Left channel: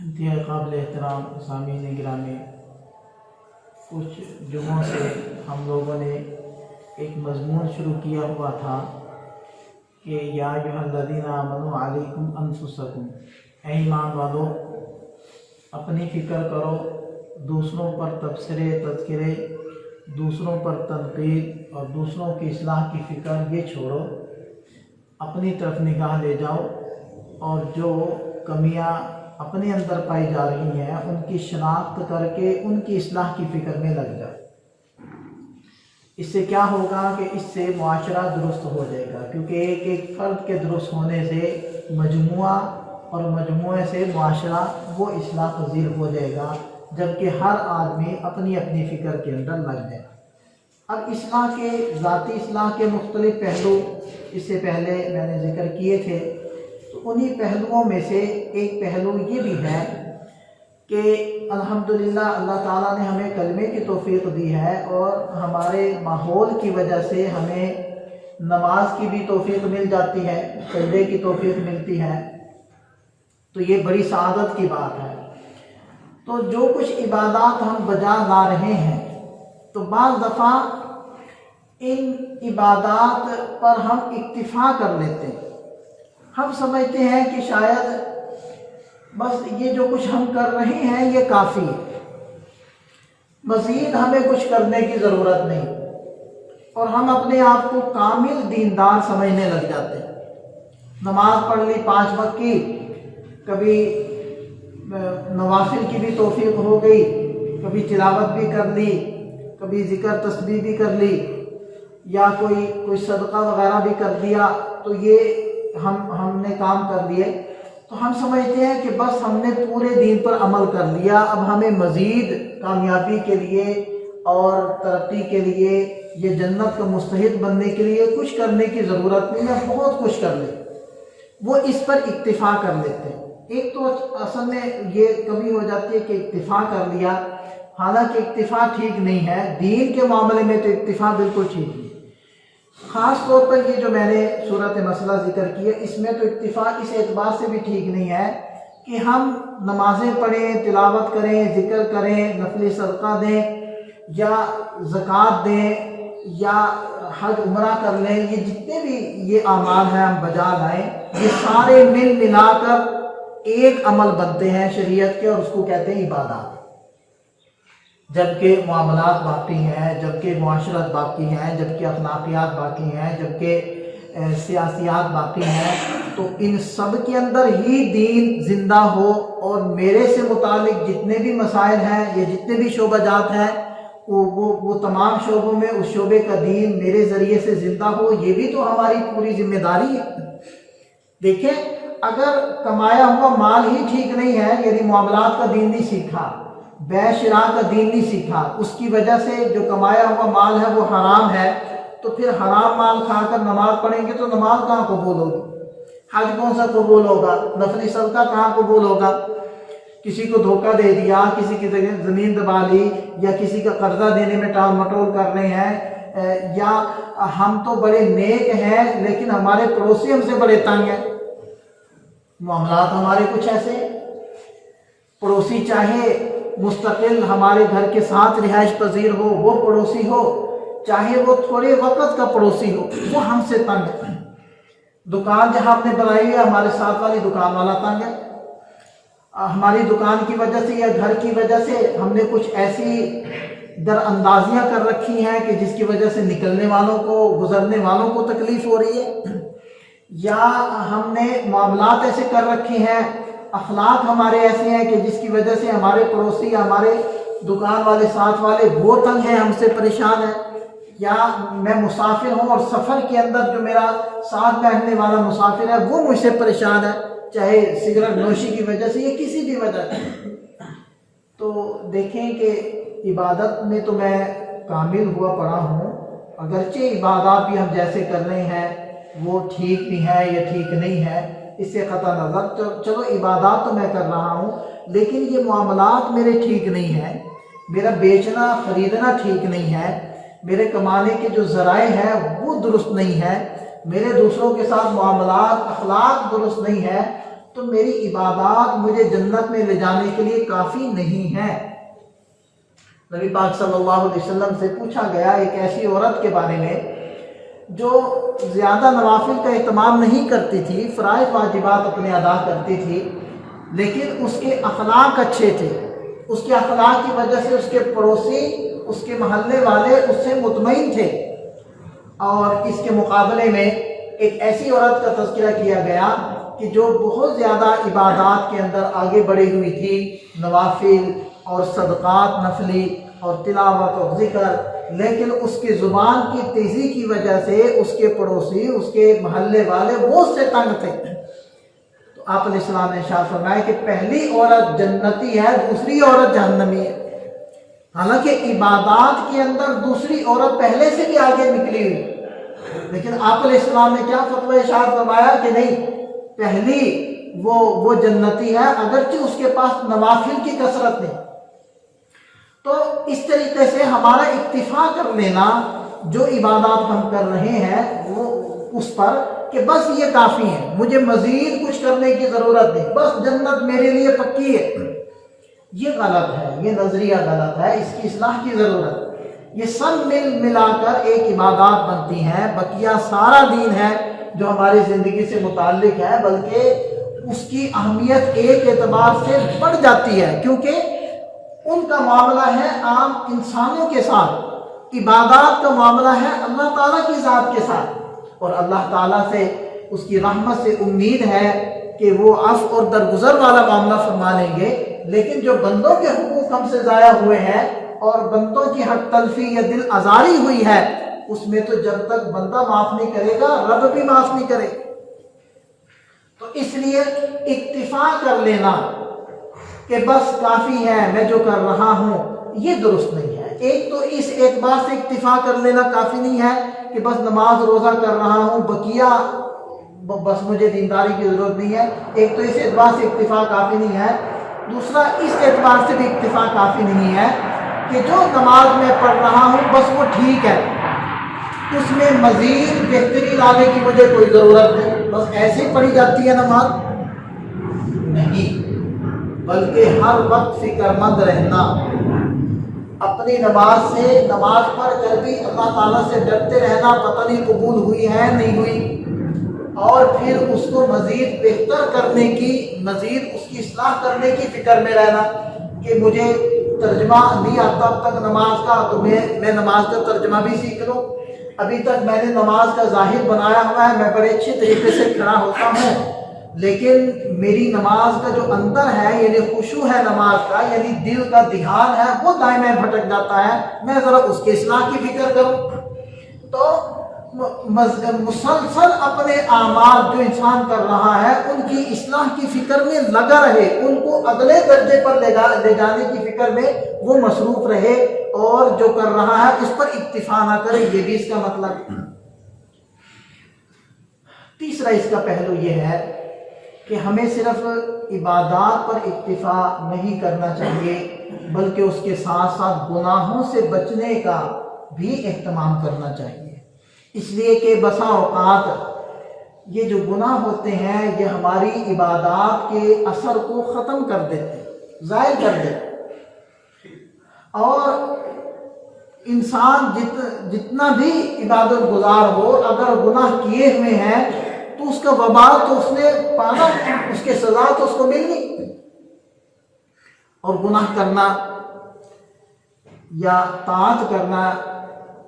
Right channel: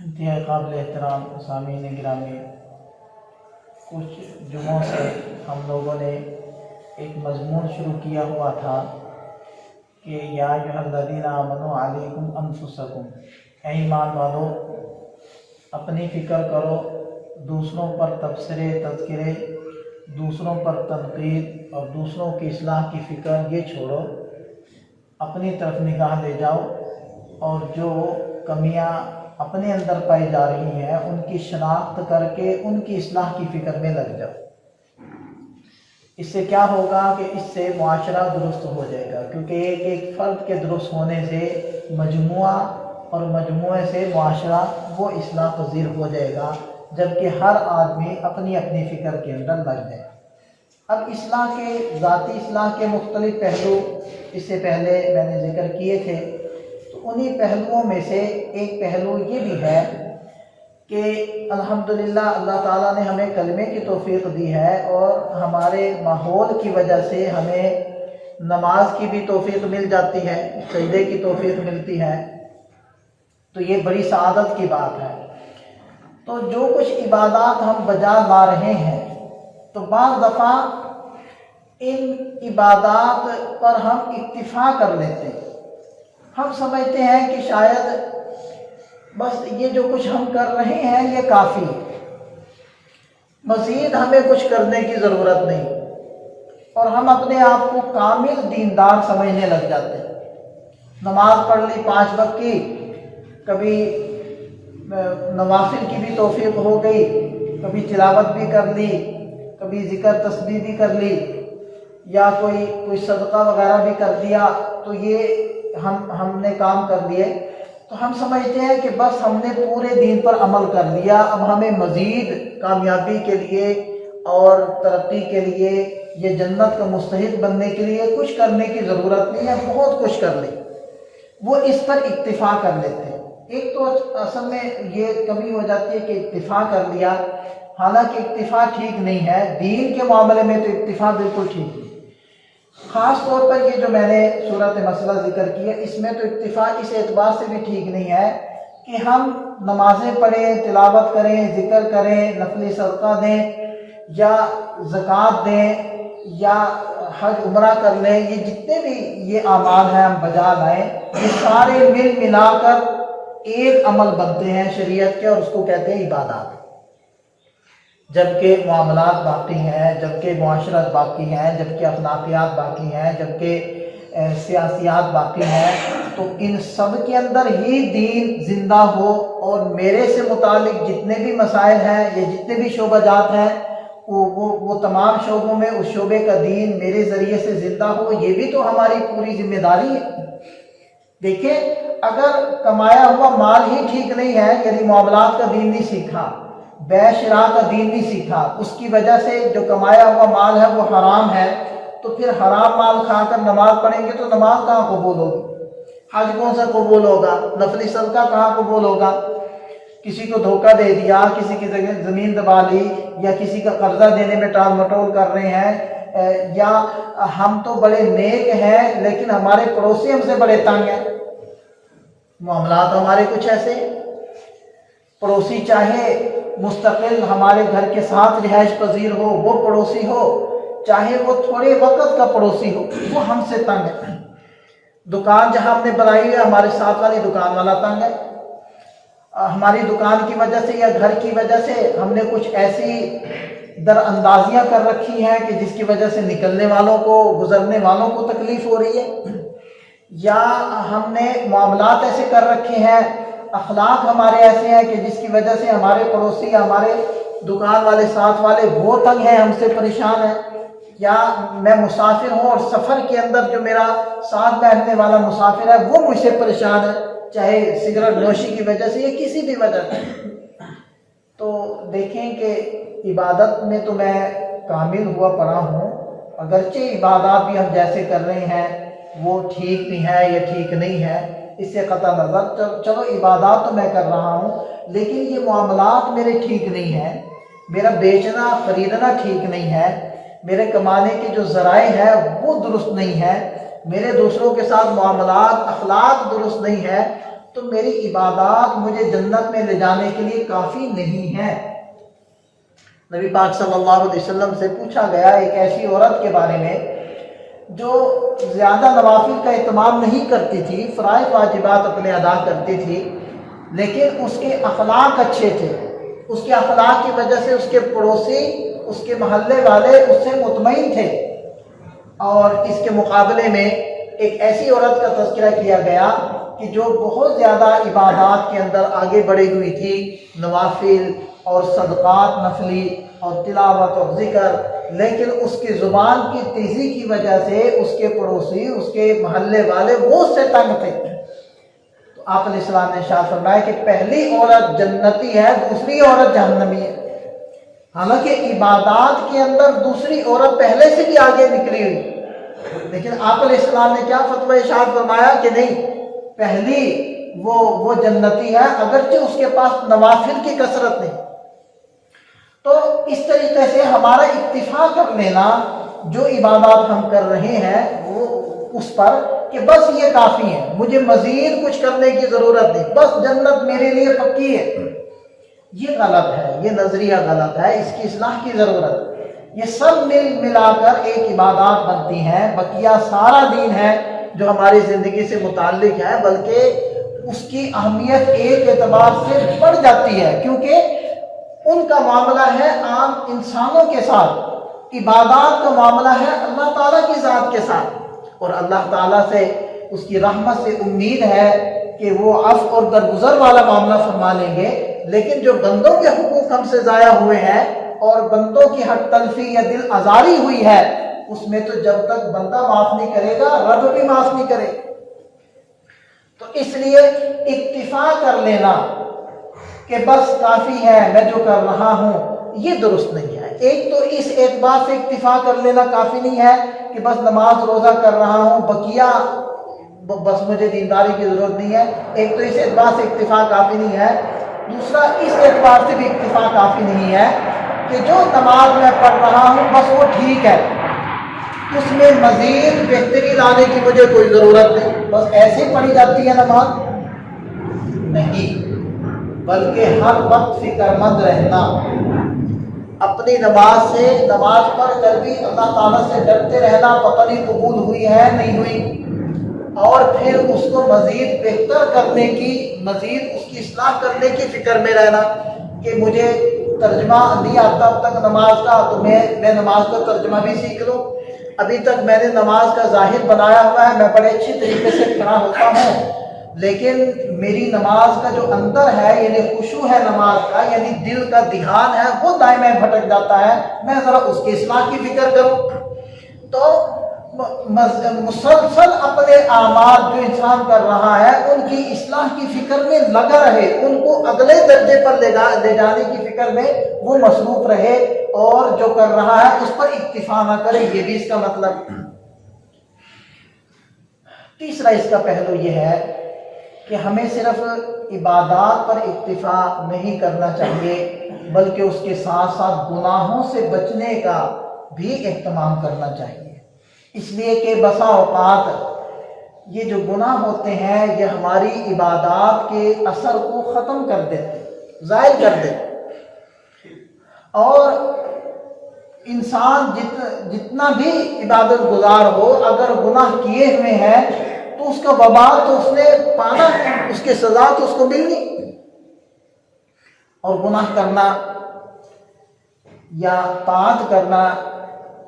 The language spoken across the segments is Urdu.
انتہائی قابل احترام سامعین گرامی، کچھ جمعوں سے ہم لوگوں نے ایک مضمون شروع کیا ہوا تھا کہ یا ایھا الذین آمنوا علیکم انفسکم، اے ایمان والو اپنی فکر کرو، دوسروں پر تبصرے تذکرے، دوسروں پر تنقید اور دوسروں کی اصلاح کی فکر یہ چھوڑو، اپنی طرف نگاہ لے جاؤ اور جو کمیاں اپنے اندر پائی جا رہی ہیں ان کی شناخت کر کے ان کی اصلاح کی فکر میں لگ جاؤ۔ اس سے کیا ہوگا کہ اس سے معاشرہ درست ہو جائے گا، کیونکہ ایک ایک فرد کے درست ہونے سے مجموعہ اور مجموعے سے معاشرہ وہ اصلاح پذیر ہو جائے گا، جبکہ ہر آدمی اپنی اپنی فکر کے اندر لگ جائے۔ اب اصلاح کے ذاتی اصلاح کے مختلف پہلو اس سے پہلے میں نے ذکر کیے تھے، تو انہی پہلوؤں میں سے ایک پہلو یہ بھی ہے کہ الحمدللہ اللہ تعالیٰ نے ہمیں کلمے کی توفیق دی ہے اور ہمارے ماحول کی وجہ سے ہمیں نماز کی بھی توفیق مل جاتی ہے، سجدے کی توفیق ملتی ہے، تو یہ بڑی سعادت کی بات ہے۔ تو جو کچھ عبادات ہم بجا لا رہے ہیں تو بعض دفعہ ان عبادات پر ہم اکتفا کر لیتے ہیں، ہم سمجھتے ہیں کہ شاید بس یہ جو کچھ ہم کر رہے ہیں یہ کافی ہے، مزید ہمیں کچھ کرنے کی ضرورت نہیں، اور ہم اپنے آپ کو کامل دیندار سمجھنے لگ جاتے ہیں۔ نماز پڑھ لی 5 وقت کی، کبھی نوافل کی بھی توفیق ہو گئی، کبھی تلاوت بھی کر لی، کبھی ذکر تسبیح بھی کر لی، یا کوئی صدقہ وغیرہ بھی کر دیا، تو یہ ہم نے کام کر لیے، تو ہم سمجھتے ہیں کہ بس ہم نے پورے دین پر عمل کر لیا، اب ہمیں مزید کامیابی کے لیے اور ترقی کے لیے، یہ جنت کا مستحق بننے کے لیے کچھ کرنے کی ضرورت نہیں ہے، بہت کچھ کر لیں، وہ اس پر اکتفا کر لیتے ہیں۔ ایک تو اصل میں یہ کمی ہو جاتی ہے کہ اکتفا کر لیا، حالانکہ اکتفا ٹھیک نہیں ہے، دین کے معاملے میں تو اکتفا بالکل ٹھیک نہیں۔ خاص طور پر یہ جو میں نے صورت مسئلہ ذکر کی ہے، اس میں تو اکتفا اس اعتبار سے بھی ٹھیک نہیں ہے کہ ہم نمازیں پڑھیں، تلاوت کریں، ذکر کریں، نفلی صدقہ دیں یا زکوٰۃ دیں یا حج عمرہ کر لیں، یہ جتنے بھی یہ اعمال ہیں ہم بجا لائیں، یہ سارے مل ملا کر ایک عمل بنتے ہیں شریعت کے، اور اس کو کہتے ہیں عبادات۔ جبکہ معاملات باقی ہیں، جبکہ معاشرت باقی ہیں، جبکہ اخلاقیات باقی ہیں، جبکہ سیاسیات باقی ہیں، تو ان سب کے اندر ہی دین زندہ ہو، اور میرے سے متعلق جتنے بھی مسائل ہیں یا جتنے بھی شعبہ جات ہیں وہ تمام شعبوں میں اس شعبے کا دین میرے ذریعے سے زندہ ہو، یہ بھی تو ہماری پوری ذمہ داری ہے۔ دیکھیں، اگر کمایا ہوا مال ہی ٹھیک نہیں ہے، یعنی معاملات کا دین نہیں سیکھا، بیع شراء کا دین نہیں سیکھا، اس کی وجہ سے جو کمایا ہوا مال ہے وہ حرام ہے، تو پھر حرام مال کھا کر نماز پڑھیں گے تو نماز کہاں قبول ہوگی؟ حج کون سا قبول ہوگا؟ نفلی صدقہ کہاں قبول ہوگا؟ کسی کو دھوکہ دے دیا، کسی کی زمین دبا لی، یا کسی کا قرضہ دینے میں ٹال مٹول کر رہے ہیں، یا ہم تو بڑے نیک ہیں لیکن ہمارے پڑوسی ہم سے بڑے تنگ ہیں۔ معاملات ہمارے کچھ ایسے، پڑوسی چاہے مستقل ہمارے گھر کے ساتھ رہائش پذیر ہو، وہ پڑوسی ہو، چاہے وہ تھوڑے وقت کا پڑوسی ہو، وہ ہم سے تنگ ہے۔ دکان جہاں ہم نے بنائی ہے، ہمارے ساتھ والی دکان والا تنگ ہے، ہماری دکان کی وجہ سے یا گھر کی وجہ سے ہم نے کچھ ایسی در اندازیاں کر رکھی ہیں کہ جس کی وجہ سے نکلنے والوں کو، گزرنے والوں کو تکلیف ہو رہی ہے، یا ہم نے معاملات ایسے کر رکھے ہیں، اخلاق ہمارے ایسے ہیں کہ جس کی وجہ سے ہمارے پڑوسی، ہمارے دکان والے ساتھ والے وہ تنگ ہیں، ہم سے پریشان ہیں، یا میں مسافر ہوں اور سفر کے اندر جو میرا ساتھ بیٹھنے والا مسافر ہے وہ مجھ سے پریشان ہے، چاہے سگریٹ نوشی کی وجہ سے یا کسی بھی وجہ سے۔ تو دیکھیں کہ عبادت میں تو میں کامل ہوا پڑا ہوں، اگرچہ عبادات بھی ہم جیسے کر رہے ہیں وہ ٹھیک بھی ہے یا ٹھیک نہیں ہے، اس سے قطع نظر چلو عبادات تو میں کر رہا ہوں، لیکن یہ معاملات میرے ٹھیک نہیں ہیں، میرا بیچنا خریدنا ٹھیک نہیں ہے، میرے کمانے کے جو ذرائع ہیں وہ درست نہیں ہے، میرے دوسروں کے ساتھ معاملات اخلاق درست نہیں ہے، تو میری عبادات مجھے جنت میں لے جانے کے لیے کافی نہیں ہے۔ نبی پاک صلی اللہ علیہ وسلم سے پوچھا گیا ایک ایسی عورت کے بارے میں جو زیادہ نوافل کا اہتمام نہیں کرتی تھی، فرائض واجبات اپنے ادا کرتی تھی، لیکن اس کے اخلاق اچھے تھے۔ اس کے اخلاق کی وجہ سے اس کے پڑوسی، اس کے محلے والے اس سے مطمئن تھے۔ اور اس کے مقابلے میں ایک ایسی عورت کا تذکرہ کیا گیا کہ جو بہت زیادہ عبادات کے اندر آگے بڑھی ہوئی تھی، نوافل اور صدقات نفلی اور تلاوت اور ذکر، لیکن اس کی زبان کی تیزی کی وجہ سے اس کے پڑوسی، اس کے محلے والے وہ اس سے تنگ تھے۔ تو آپ علیہ السلام نے ارشاد فرمایا کہ پہلی عورت جنتی ہے، دوسری عورت جہنمی ہے۔ حالانکہ عبادات کے اندر دوسری عورت پہلے سے بھی آگے نکلی ہوئی، لیکن آپ علیہ السلام نے کیا فتویٰ ارشاد فرمایا کہ نہیں، پہلی وہ جنتی ہے، اگرچہ اس کے پاس نوافل کی کثرت نہیں۔ تو اس طریقے سے ہمارا اکتفا کر لینا جو عبادات ہم کر رہے ہیں وہ اس پر کہ بس یہ کافی ہے، مجھے مزید کچھ کرنے کی ضرورت نہیں، بس جنت میرے لیے پکی ہے، یہ غلط ہے، یہ نظریہ غلط ہے، اس کی اصلاح کی ضرورت۔ یہ سب ملا کر ایک عبادات بنتی ہیں، بقیہ سارا دین ہے جو ہماری زندگی سے متعلق ہے، بلکہ اس کی اہمیت ایک اعتبار سے بڑھ جاتی ہے، کیونکہ ان کا معاملہ ہے عام انسانوں کے ساتھ، عبادات کا معاملہ ہے اللہ تعالیٰ کی ذات کے ساتھ، اور اللہ تعالیٰ سے اس کی رحمت سے امید ہے کہ وہ عفو اور درگزر والا معاملہ فرما لیں گے۔ لیکن جو بندوں کے حقوق ہم سے ضائع ہوئے ہیں اور بندوں کی حق تلفی یا دل آزاری ہوئی ہے، اس میں تو جب تک بندہ معاف نہیں کرے گا رب بھی معاف نہیں کرے۔ تو اس لیے اکتفا کر لینا کہ بس کافی ہے میں جو کر رہا ہوں، یہ درست نہیں ہے۔ ایک تو اس اعتبار سے اکتفا کر لینا کافی نہیں ہے کہ بس نماز روزہ کر رہا ہوں، بقیہ بس مجھے دینداری کی ضرورت نہیں ہے، ایک تو اس اعتبار سے اکتفا کافی نہیں ہے۔ دوسرا اس اعتبار سے بھی اکتفا کافی نہیں ہے کہ جو نماز میں پڑھ رہا ہوں بس وہ ٹھیک ہے، اس میں مزید بہتری لانے کی مجھے کوئی ضرورت نہیں، بس ایسے ہی پڑھی جاتی ہے نماز، نہیں، بلکہ ہر وقت فکر مند رہنا، اپنی نماز سے، نماز پڑھ کر بھی اللہ تعالیٰ سے ڈرتے رہنا، پتہ نہیں قبول ہوئی ہے نہیں ہوئی، اور پھر اس کو مزید بہتر کرنے کی، مزید اس کی اصلاح کرنے کی فکر میں رہنا کہ مجھے ترجمہ نہیں آتا اب تک نماز کا، تو میں نماز کا ترجمہ بھی سیکھ لوں، ابھی تک میں نے نماز کا ظاہر بنایا ہوا ہے، میں بڑے اچھی طریقے سے کھڑا ہوتا ہوں، لیکن میری نماز کا جو اندر ہے یعنی خشوع ہے نماز کا، یعنی دل کا دھیان ہے وہ دائیں بھٹک جاتا ہے، میں ذرا اس کے اصلاح کی فکر کروں۔ تو مسلسل اپنے اعمال جو انسان کر رہا ہے ان کی اصلاح کی فکر میں لگا رہے، ان کو اگلے درجے پر لے جانے کی فکر میں وہ مصروف رہے، اور جو کر رہا ہے اس پر اکتفا نہ کرے، یہ بھی اس کا مطلب۔ تیسرا اس کا پہلو یہ ہے کہ ہمیں صرف عبادات پر اکتفا نہیں کرنا چاہیے، بلکہ اس کے ساتھ ساتھ گناہوں سے بچنے کا بھی اہتمام کرنا چاہیے، اس لیے کہ بسا اوقات یہ جو گناہ ہوتے ہیں یہ ہماری عبادات کے اثر کو ختم کر دیتے، ظاہر کر دیتے، اور انسان جتنا بھی عبادت گزار ہو اگر گناہ کیے ہوئے ہیں تو اس کا وبال تو اس نے پانا، اس کے سزا تو اس کو ملنی۔ اور گناہ کرنا یا طاعت کرنا،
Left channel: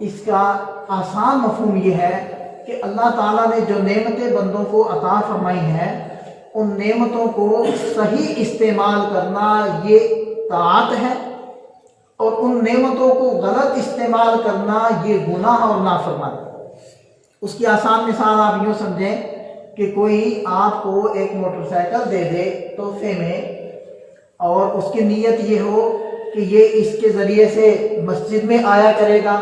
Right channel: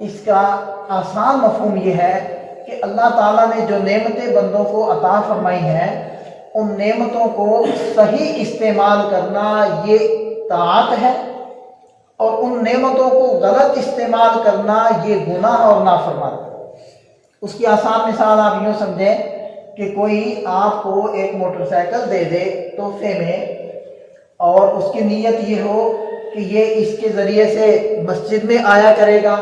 اس کا آسان مفہوم یہ ہے کہ اللہ تعالیٰ نے جو نعمتیں بندوں کو عطا فرمائی ہیں ان نعمتوں کو صحیح استعمال کرنا یہ طاعت ہے، اور ان نعمتوں کو غلط استعمال کرنا یہ گناہ اور نافرمانی۔ اس کی آسان مثال آپ یوں سمجھیں کہ کوئی آپ کو ایک موٹر سائیکل دے دے تحفے میں، اور اس کی نیت یہ ہو کہ یہ اس کے ذریعے سے مسجد میں آیا کرے گا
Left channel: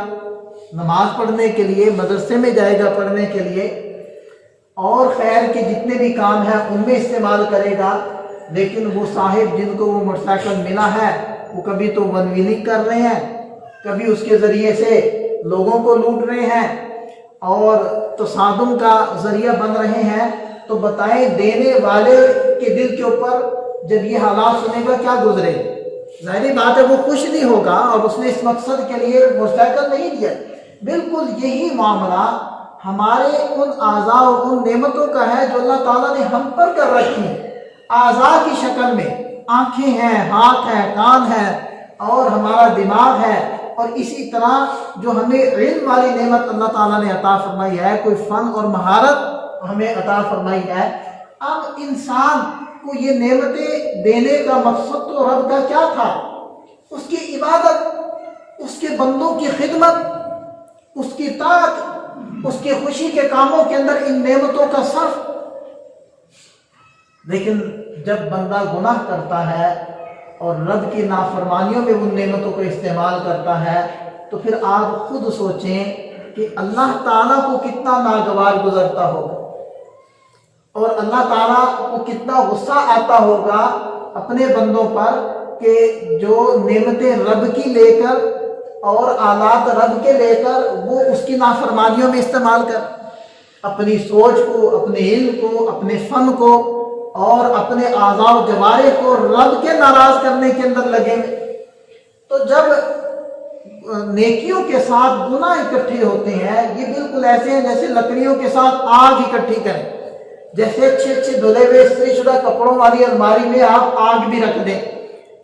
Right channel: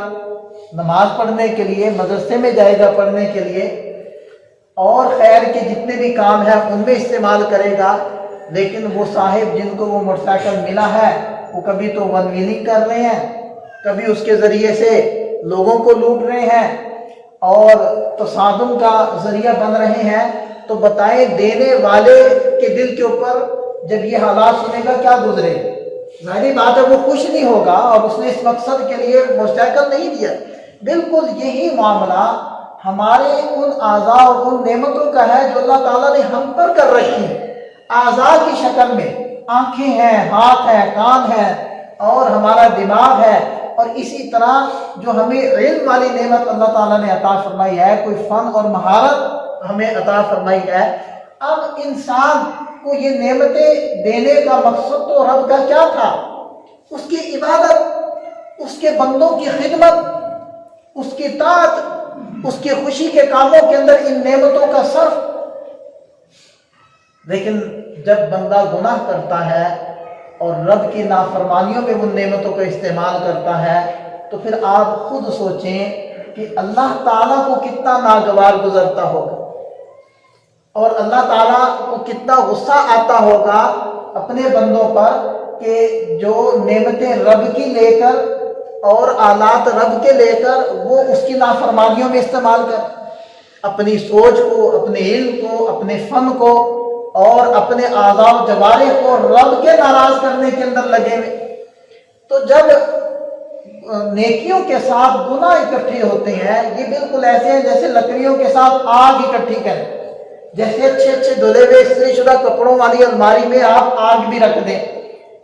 نماز پڑھنے کے لیے، مدرسے میں جائے گا پڑھنے کے لیے، اور خیر کے جتنے بھی کام ہیں ان میں استعمال کرے گا، لیکن وہ صاحب جن کو وہ موٹر سائیکل ملا ہے وہ کبھی تو ون ویلنگ کر رہے ہیں، کبھی اس کے ذریعے سے لوگوں کو لوٹ رہے ہیں اور تصادم کا ذریعہ بن رہے ہیں، تو بتائیں دینے والے کے دل کے اوپر جب یہ حالات سنے گا کیا گزرے؟ ظاہری بات ہے وہ خوش نہیں ہوگا، اور اس نے اس مقصد کے لیے مستحکم نہیں دیا۔ بالکل یہی معاملہ ہمارے ان اعضاء اور ان نعمتوں کا ہے جو اللہ تعالیٰ نے ہم پر کر رکھی ہیں، اعضاء کی شکل میں، آنکھیں ہیں، ہاتھ ہیں، کان ہیں، اور ہمارا دماغ ہے، اور اسی طرح جو ہمیں علم والی نعمت اللہ تعالیٰ نے عطا فرمائی ہے، کوئی فن اور مہارت ہمیں عطا فرمائی ہے۔ اب انسان کو یہ نعمتیں دینے کا مقصد تو رب کا کیا تھا؟ اس کی عبادت، اس کے بندوں کی خدمت، اس کی طاعت، اس کی خوشی کے کاموں کے اندر ان نعمتوں کا صرف۔ لیکن جب بندہ گناہ کرتا ہے اور رب کی نافرمانیوں میں ان نعمتوں کا استعمال کرتا ہے، تو پھر آپ خود سوچیں کہ اللہ تعالیٰ کو کتنا ناگوار گزرتا ہوگا، اور اللہ تعالیٰ کو کتنا غصہ آتا ہوگا اپنے بندوں پر کہ جو نعمتیں رب کی لے کر اور آلات رب کے لے کر وہ اس کی نافرمانیوں میں استعمال کر، اپنی سوچ کو، اپنے علم کو، اپنے فن کو اور اپنے اعضاء و جوارح کو رب کے ناراض کرنے کے اندر لگے ہوئے۔ تو جب نیکیوں کے ساتھ گناہ اکٹھے ہوتے ہیں، یہ بالکل ایسے ہیں جیسے لکڑیوں کے ساتھ آگ اکٹھی کریں، جیسے اچھے اچھے دھلے ہوئے استری شدہ کپڑوں والی الماری میں آپ آگ بھی رکھ دیں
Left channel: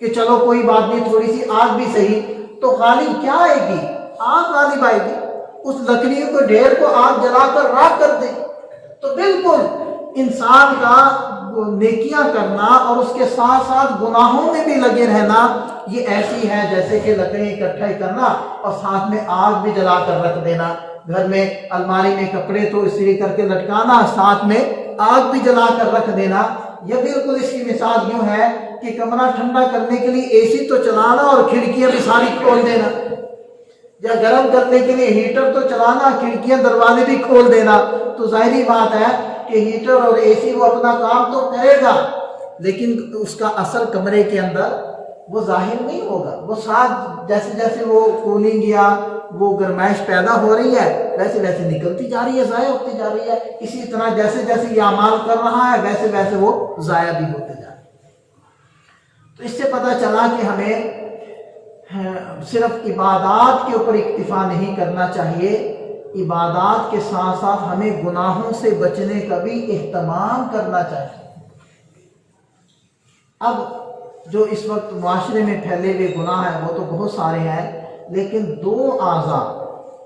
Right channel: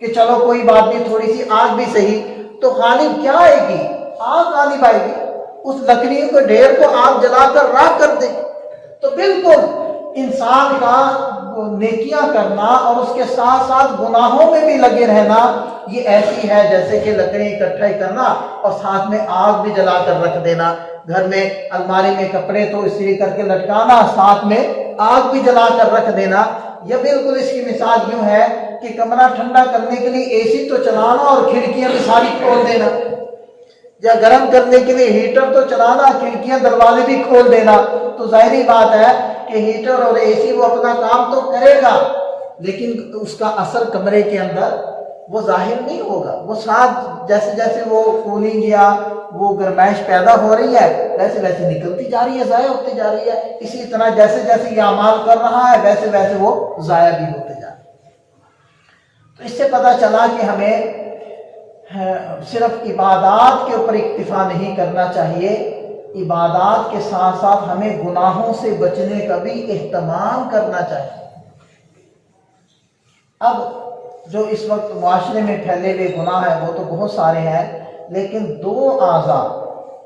کہ چلو کوئی بات نہیں، تھوڑی سی آگ بھی صحیح، تو غالب کیا آئے گی؟ آگ غالب آئے گی۔ اس لکڑیوں کے ڈھیر کو آگ جلا کر راکھ کر دیں۔ تو بالکل انسان کا نیکیاں کرنا اور اس کے ساتھ ساتھ گناہوں میں بھی لگے رہنا، یہ ایسی ہے جیسے کہ لکڑی اکٹھا کرنا اور ساتھ میں آگ بھی جلا کر رکھ دینا۔ گھر میں الماری میں کپڑے تو استری کر کے لٹکانا، ساتھ میں آگ بھی جلا کر رکھ دینا۔ یہ بالکل اس کی مثال یوں ہے کہ کمرہ ٹھنڈا کرنے کے لیے اے سی تو چلانا اور کھڑکیاں بھی ساری کھول دینا، یا گرم کرنے کے لیے ہیٹر تو چلانا، کھڑکیاں دروازے بھی کھول دینا۔ تو ظاہری بات ہے کہ ہیٹر اور اے سی وہ اپنا کام تو کرے گا، لیکن اس کا اثر کمرے کے اندر وہ ظاہر نہیں ہوگا۔ وہ ساتھ جیسے جیسے وہ کولنگ یا وہ گرمائش پیدا ہو رہی ہے ویسے ویسے نکلتی جا رہی ہے، ضائع ہوتی جا رہی ہے۔ اسی طرح جیسے جیسے یہ اعمال کر رہا ہے ویسے ویسے وہ ضائع بھی ہوتے جا رہے ہیں۔ تو اس سے پتہ چلا کہ ہمیں صرف عبادات کے اوپر اکتفا نہیں کرنا چاہیے، عبادات کے ساتھ ساتھ ہمیں گناہوں سے بچنے کا بھی اہتمام کرنا چاہیے۔ اب جو اس وقت معاشرے میں پھیلے ہوئے گناہ ہیں وہ تو بہت سارے ہیں، لیکن دو اعضاء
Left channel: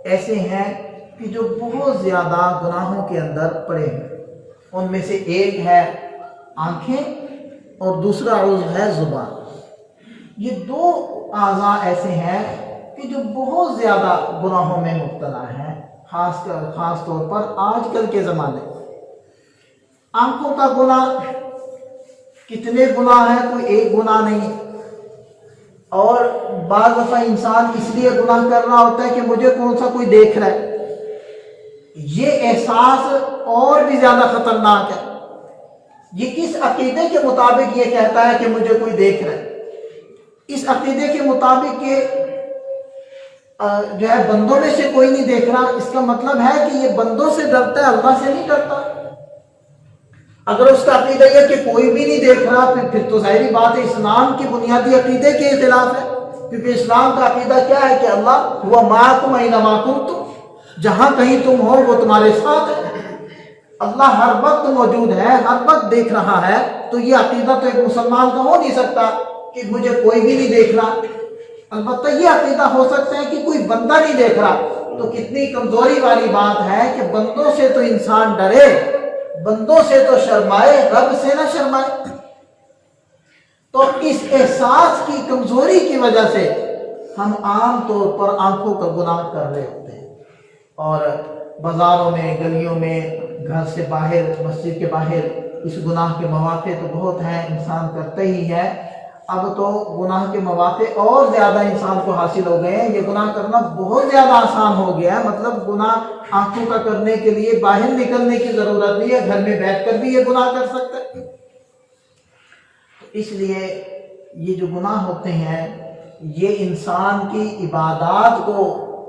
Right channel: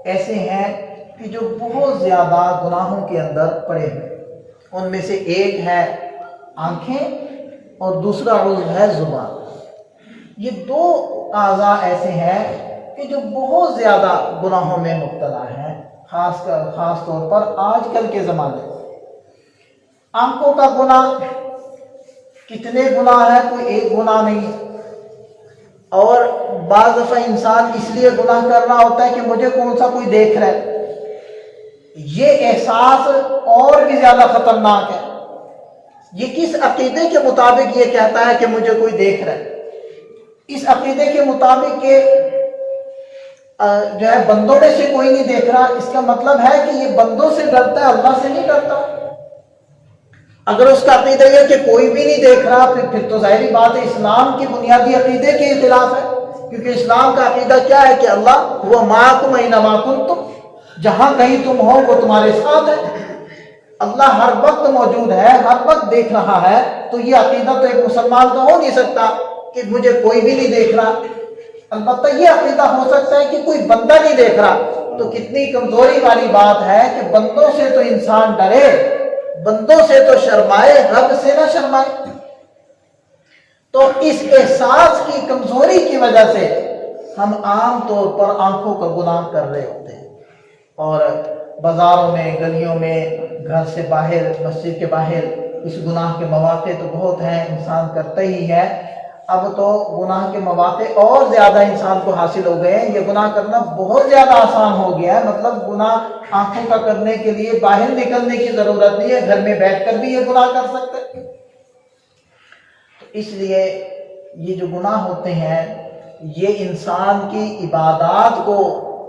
ایسے ہیں کہ جو بہت زیادہ گناہوں کے اندر پڑے ہیں۔ ان میں سے ایک ہے آنکھیں اور دوسرا عضو ہے زبان۔ یہ دو اعضاء ایسے ہیں کہ جو بہت زیادہ گناہوں میں مبتلا ہیں، خاص طور پر آج کل کے زمانے میں۔ آنکھوں کا گناہ کتنے گناہ ہیں؟ کوئی ایک گناہ نہیں، اور بعض دفعہ انسان اس لیے گناہ کر رہا ہوتا ہے کہ مجھے کون سا کوئی دیکھ رہا ہے۔ یہ احساس اور بھی زیادہ خطرناک ہے۔ یہ کس عقیدے کے مطابق یہ کہتا ہے کہ مجھے کوئی دیکھ رہا ہے؟ اس عقیدے کے مطابق کہ جو ہے بندوں میں سے کوئی نہیں دیکھ رہا، اس کا مطلب ہے کہ یہ بندوں سے ڈرتا ہے، اللہ سے نہیں ڈرتا۔ اگر اس کا عقیدہ یہ کہ کوئی بھی نہیں دیکھ رہا، پھر تو ظاہری بات ہے اسلام کی بنیادی عقیدے کے خلاف ہے، کیونکہ اسلام کا عقیدہ کیا ہے کہ اللہ ہوا معکم اینما کنتم، جہاں کہیں تم ہو وہ تمہارے ساتھ ہے۔ اللہ ہر وقت موجود ہے، ہر وقت دیکھ رہا ہے۔ تو یہ عقیدہ تو ایک مسلمان کا ہو نہیں سکتا کہ مجھے کوئی بھی نہیں دیکھ رہا۔ البتہ یہ عقیدہ ہو سکتا ہے کہ کوئی بندہ نہیں دیکھ رہا۔ تو کتنی کمزوری والی بات ہے کہ بندوں سے تو انسان ڈرے، بندوں سے تو شرمائے، رب سے نہ شرمائے۔ تو اس احساس کی کمزوری کی وجہ سے ہم عام طور پر آنکھوں کا گناہ کر رہے ہوتے ہیں، اور بازاروں میں، گلیوں میں، گھر سے باہر، مسجد کے باہر اس گناہ کے مواقع تو بہت ہیں، انسان کرتا ہی ہے۔ اب تو گناہ کے مواقع اور زیادہ انسان کو حاصل ہو گئے ہیں، یہ گناہ کرنا بہت زیادہ آسان ہو گیا ہے۔ مطلب گناہ آنکھوں کا کرنے کے لیے باہر نکلنے کی ضرورت نہیں ہے، گھر میں بیٹھ کر بھی یہ گناہ کر سکتے ہیں۔ اس لیے یہ جو گناہ ہوتے ہیں یہ انسان کی عبادات کو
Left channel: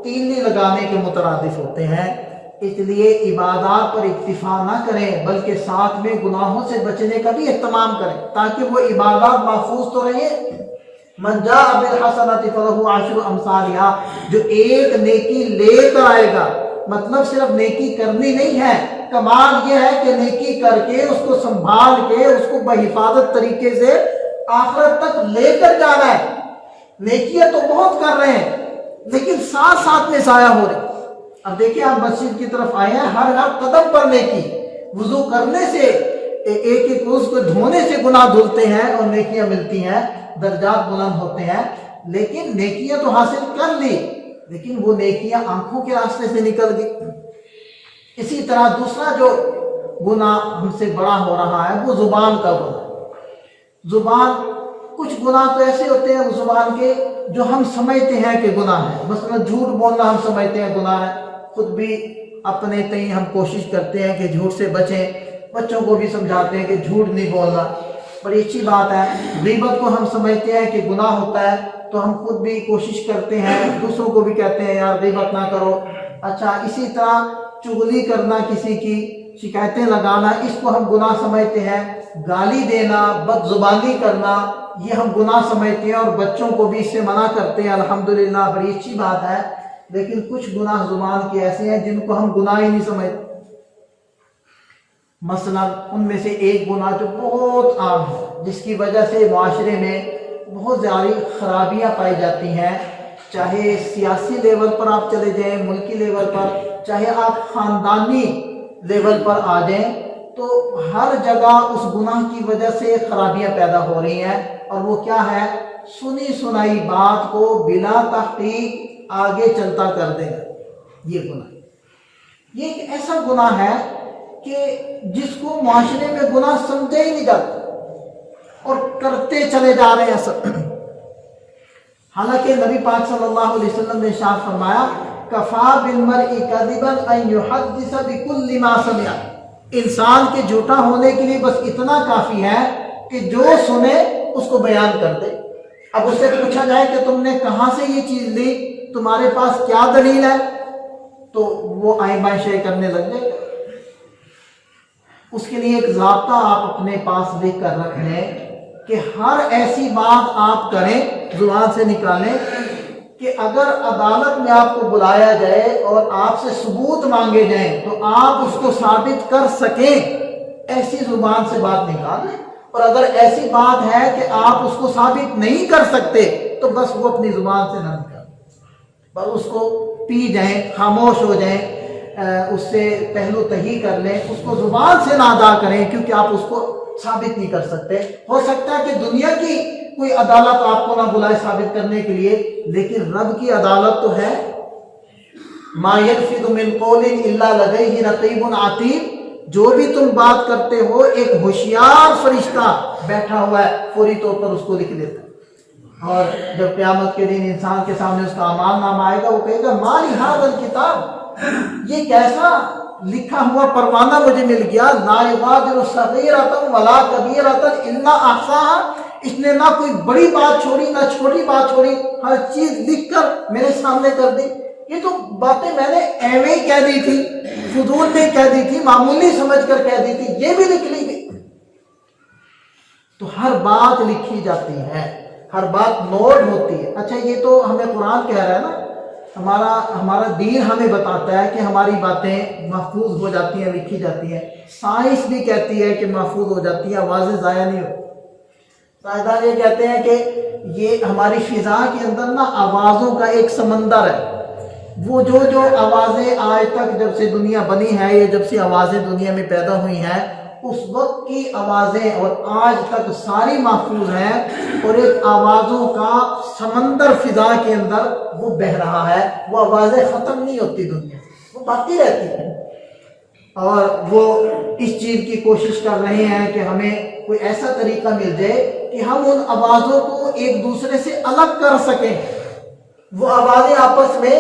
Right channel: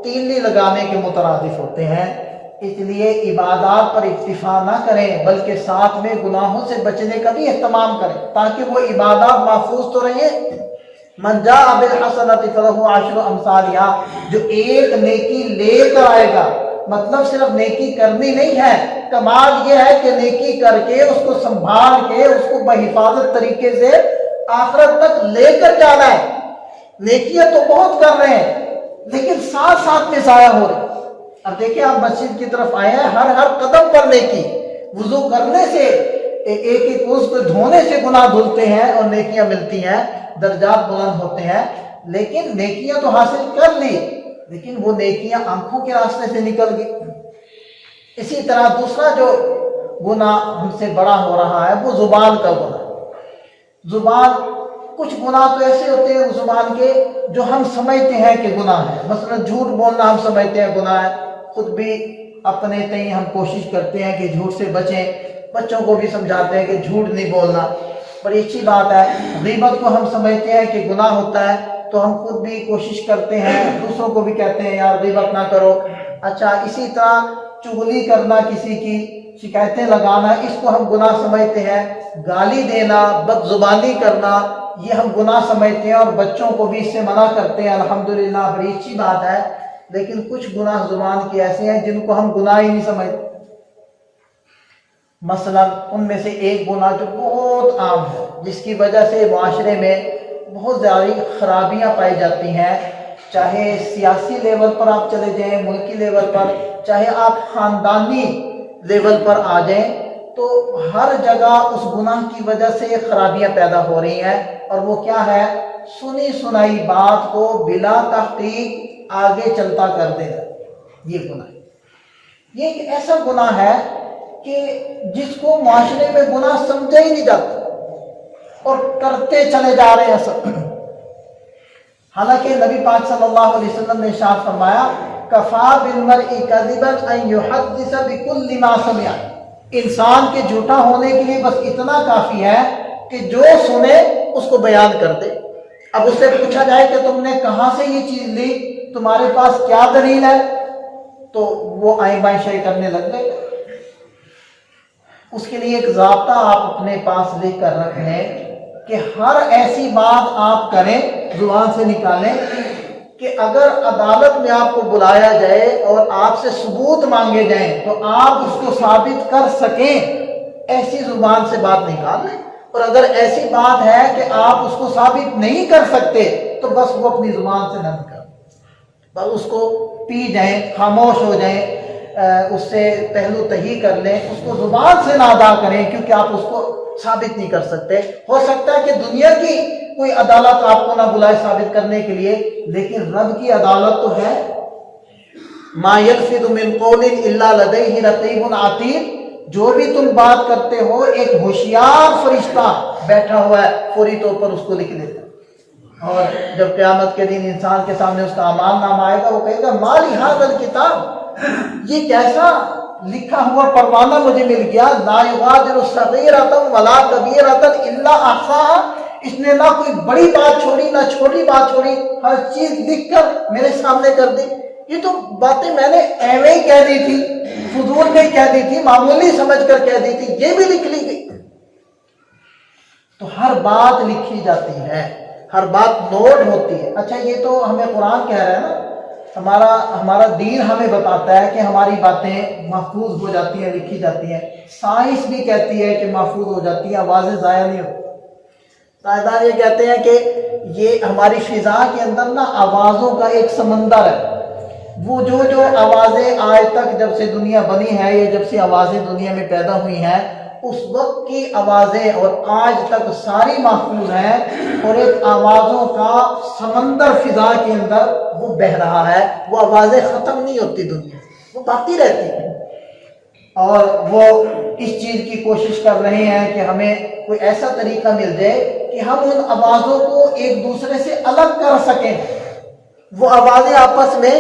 تیلی لگانے کے مترادف ہوتے ہیں، اس لیے عبادات پر اکتفا نہ کریں بلکہ ساتھ میں گناہوں سے بچنے کا بھی اہتمام کریں تاکہ وہ عبادات محفوظ تو رہیں۔ من جاء بالحسنۃ فلہ عشر امثالھا، جو ایک نیکی لے کر آئے گا، مطلب صرف نیکی کرنی نہیں ہے، کمال یہ ہے کہ نیکی کر کے اس کو سنبھال کے اس کو بحفاظت طریقے سے آخرت تک لے کر جانا ہے۔ نیکیاں تو بہت کر رہے ہیں لیکن ساتھ ساتھ میں ضائع ہو رہے ہیں۔ اب دیکھیں آپ مسجد کی طرف آئے ہیں، ہر قدم پر نیکی، وضو کرنے سے ایک ایک عضو کو دھونے سے گناہ دھلتے ہیں اور نیکیاں ملتی ہیں، درجات بلند ہوتے ہیں، لیکن نیکیاں تو حاصل کر لی لیکن وہ نیکیاں آنکھوں کے راستے سے نکل گئی۔ اسی طرح دوسرا جو گناہ ہم سے بڑا ہو رہا ہے وہ زبان کا گناہ۔ زبان، کچھ گناہ تو ایسے ہوتے ہیں زبان کے جو ہم سمجھتے ہیں کہ گناہ ہے، مثلا جھوٹ بولنا ہم سمجھتے ہیں گناہ ہے، خود بھی اپنے تئیں ہم کوشش کرتے ہیں کہ جھوٹ سے بچیں، بچوں کو بھی سمجھاتے ہیں کہ جھوٹ نہیں بولنا، بڑی اچھی بات ہے۔ غیبت کو ہم سمجھتے ہیں کہ گناہ ہوتا ہے تو ہم خود بھی کوشش کرتے ہیں، دوسروں کو بھی کہتے ہیں یار غیبت نہ کرو۔ اچھا، اسی طرح چغلی کرنا، کسی کی شکایتیں لگانا، اس کو ہم گناہ سمجھتے ہیں۔ گالی دینا، بد زبانی کرنا، یہ ہم گناہ سمجھتے ہیں اور بچوں کو بھی اس سے منع کرتے ہیں، الحمدللہ بڑی اچھی بات ہے۔ لیکن کچھ گناہ زبان کے ایسے ہیں جن کو ہم گناہ ہی نہیں سمجھتے۔ مثلا ان میں سے ایک گناہ جو بہت عام ہے، جس کی وجہ سے معاشرے میں بہت زیادہ خرابیاں پائی جاتی ہیں، چاہے سیاسی لیول پر آپ چلے جائیں، ملکی لیول پر، چاہے آپ خاندانی لیول پر آ جائیں، تو ہر جگہ اس گناہ کی وجہ سے خرابیاں پیدا ہو رہی ہیں، اور وہ کیا ہے؟ سنی سنائی بات کو بلا تحقیق آگے چلتا کر دینا، یہ گناہ۔ یہ ایک ایسا گناہ ہے کہ جس کو معاشرے میں گناہ سمجھا ہی نہیں جاتا اور کرتے چلے جا رہے ہیں سب۔ حالانکہ نبی پاک صلی اللہ علیہ وسلم نے ارشاد فرمایا، کفا بالمرء کذبا ان یحدث بکل ما سمع، انسان کے جھوٹا ہونے کے لیے بس اتنا کافی ہے کہ جو سنے اس کو بیان کر دے۔ اب اس سے پوچھا جائے کہ تم نے کہاں سے یہ چیز لی، تمہارے پاس کیا دلیل ہے، تو وہ آئیں بائیں شے کرنے لگ گئے۔ اس کے لیے ایک ضابطہ آپ اپنے پاس لکھ کر رکھیں کہ ہر ایسی بات آپ کریں، زبان سے نکالیں کہ اگر عدالت میں آپ کو بلایا جائے اور آپ سے ثبوت مانگے جائیں تو آپ اس کو ثابت کر سکیں، ایسی زبان سے بات نکال لیں۔ اور اگر ایسی بات ہے کہ آپ اس کو ثابت نہیں کر سکتے تو بس وہ اپنی زبان سے نہ نکالیں، بس اس کو پی جائیں، خاموش ہو جائیں، اس سے پہلو تہی کر لیں، اس کو زبان سے نہ ادا کریں، کیونکہ آپ اس کو ثابت نہیں کر سکتے۔ ہو سکتا ہے کہ دنیا کی کوئی عدالت آپ کو نہ بلائے ثابت کرنے کے لیے، لیکن رب کی عدالت تو ہے۔ ما یلفظ من قول الا لدیہ رقیب عتید، جو بھی تم بات کرتے ہو ایک ہوشیار فرشتہ بیٹھا ہوا ہے، فوری طور پر اس کو لکھ لیتا ہے۔ اور جب قیامت کے دن انسان کے سامنے اس کا اعمال نامہ آئے گا، وہ کہے گا ما لہذا الکتاب، یہ کیسا لکھا ہوا پروانہ مجھے مل گیا، لا یغادر صغیرۃ ولا کبیرۃ الا احصاها، اس نے نہ کوئی بڑی بات چھوڑی نہ چھوٹی بات چھوڑی، ہر چیز لکھ کر میرے سامنے کر دی۔ یہ تو باتیں میں نے ایویں ہی کہہ دی تھی، فضول میں کہہ دی تھی، معمولی سمجھ کر کہہ دی تھی، یہ بھی لکھ لی گئی۔ تو ہر بات لکھی جاتی ہے، ہر بات نوٹ ہوتی ہے۔ اچھا، یہ تو ہمیں قرآن کہہ رہا ہے نا، ہمارا دین ہمیں بتاتا ہے کہ ہماری باتیں محفوظ ہو جاتی ہیں، لکھی جاتی ہیں۔ سائنس بھی کہتی ہے کہ محفوظ ہو جاتی ہیں، آوازیں ضائع نہیں ہوتی۔ سائنسدان یہ کہتے ہیں کہ یہ ہماری فضا کے اندر نا آوازوں کا ایک سمندر ہے، وہ جو آوازیں آج تک جب سے دنیا بنی ہے، یہ جب سے آوازیں دنیا میں پیدا ہوئی ہیں، اس وقت کی آوازیں اور آج تک ساری محفوظ ہیں، اور ایک آوازوں کا سمندر فضا کے اندر وہ بہہ رہا ہے، وہ آوازیں ختم نہیں ہوتی، دنیا وہ باقی رہتی ہیں۔ اور وہ اس چیز کی کوشش کر رہے ہیں کہ ہمیں کوئی ایسا طریقہ مل جائے کہ ہم ان آوازوں کو ایک دوسرے سے الگ کر سکیں۔ وہ آوازیں آپس میں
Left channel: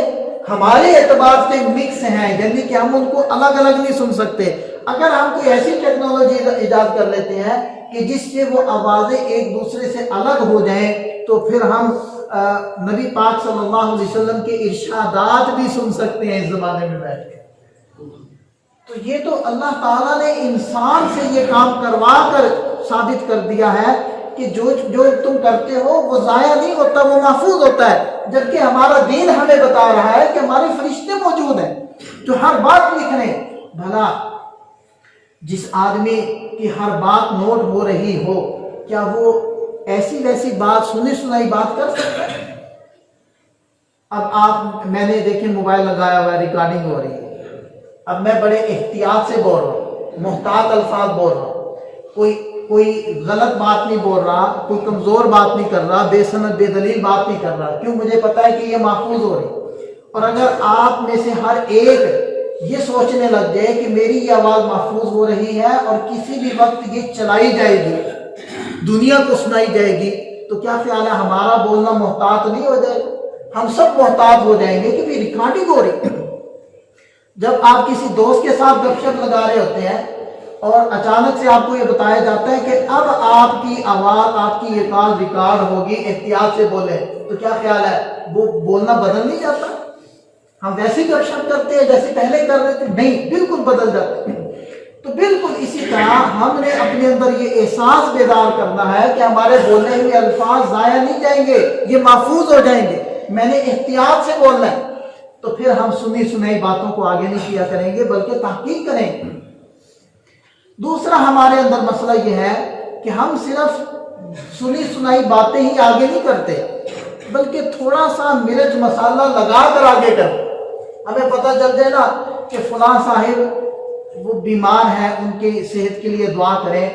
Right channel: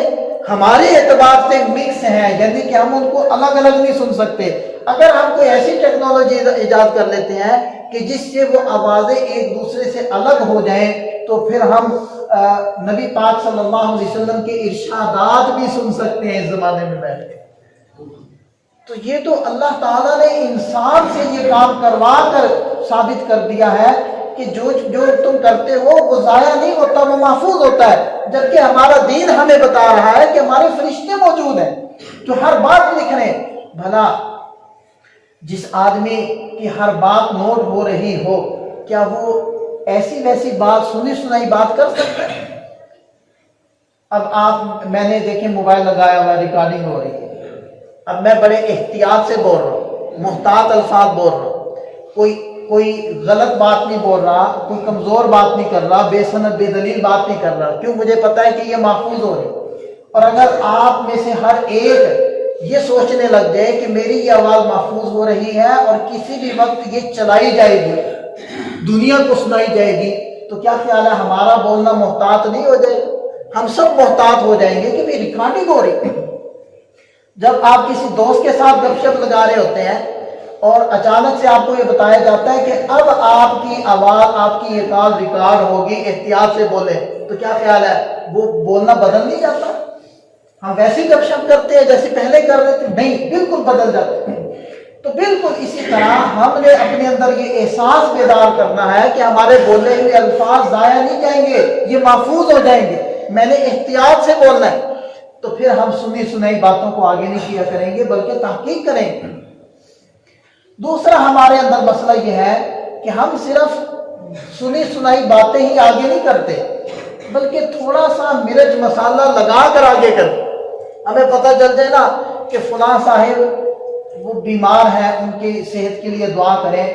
ہمارے اعتبار سے مکس ہیں، یعنی کہ ہم ان کو الگ الگ نہیں سن سکتے۔ اگر ہم کوئی ایسی ٹیکنالوجی ایجاد کر لیتے ہیں کہ جس سے وہ آوازیں ایک دوسرے سے الگ ہو جائیں، تو پھر ہم نبی پاک صلی اللہ علیہ وسلم کے ارشادات بھی سن سکتے ہیں اس زمانے میں بیٹھ کے۔ تو یہ تو اللہ تعالیٰ نے انسان سے یہ کام کروا کر ثابت کر دیا ہے کہ جو تم کرتے ہو وہ ضائع نہیں ہوتا، وہ محفوظ ہوتا ہے۔ جبکہ ہمارا دین ہمیں بتا رہا ہے کہ ہمارے فرشتے موجود ہیں جو ہر بات لکھ رہے ہیں۔ بھلا جس آدمی کی ہر بات نوٹ ہو رہی ہو، کیا وہ ایسی ویسی بات سنی سنائی بات کر سکتا ہے؟ اب میں نے دیکھیں موبائل لگایا ہوا، ریکارڈنگ ہو رہی ہے، اب میں بڑے احتیاط سے بول رہا ہوں، محتاط الفاظ بول رہا ہوں، کوئی غلط بات نہیں بول رہا، کوئی کمزور بات نہیں کر رہا، بے سند بے دلیل بات نہیں کر رہا، کیوں؟ مجھے پتا ہے کہ یہ محفوظ ہو رہی۔ اور اگر آپ میں سے ہر ایک یہ سوچنے لگ جائے کہ میری یہ آواز محفوظ ہو رہی ہے اور کسی بھی وقت یہ چلائی جائے گی، دنیا کو سنائی جائے گی، تو کیا خیال ہے ہمارا بولنا محتاط نہیں ہو جائے گا؟ ہم سب محتاط ہو جائیں گے کہ بھئی ریکارڈنگ ہو رہی۔ جب آپ کسی دوست کے ساتھ گپ شپ لگا رہے ہوتے ہیں اور اچانک سے آپ کو یہ بتایا جاتا ہے کہ اب آپ کی آواز، آپ کی یہ کال ریکارڈ ہوگی، احتیاط سے بولیں، تو کیا خیال ہے وہ بولنا بدل نہیں جاتا؟ ہم ویسے گپ شپ کرتے ہیں جیسے پہلے کر رہے تھے؟ نہیں، بالکل بدل جاتے ہیں۔ تو بالکل اسی طرح ہم نے اپنے اندر یہ احساس بیدار کرنا ہے کہ ہمارے بولے ہوئے الفاظ ضائع نہیں جائیں گے، یہ محفوظ ہو جائیں گے، میں نے احتیاط سے بولنا ہے۔ تو پھر ہم سنی سنائی باتوں کو آگے نہیں کیا کریں گے بلکہ تحقیق کریں گے۔ دوسرا ہمارے اندر مسئلہ یہ ہے کہ ہم صرف سنی سنائی باتیں ہی آگے نہیں کرتے بلکہ تھوڑا سا مرچ مسالہ لگا کر آگے کرتے۔ ہمیں پتہ چل جائے نا کہ فلاں صاحب وہ بیمار ہیں، ان کی صحت کے لیے دعا کریں،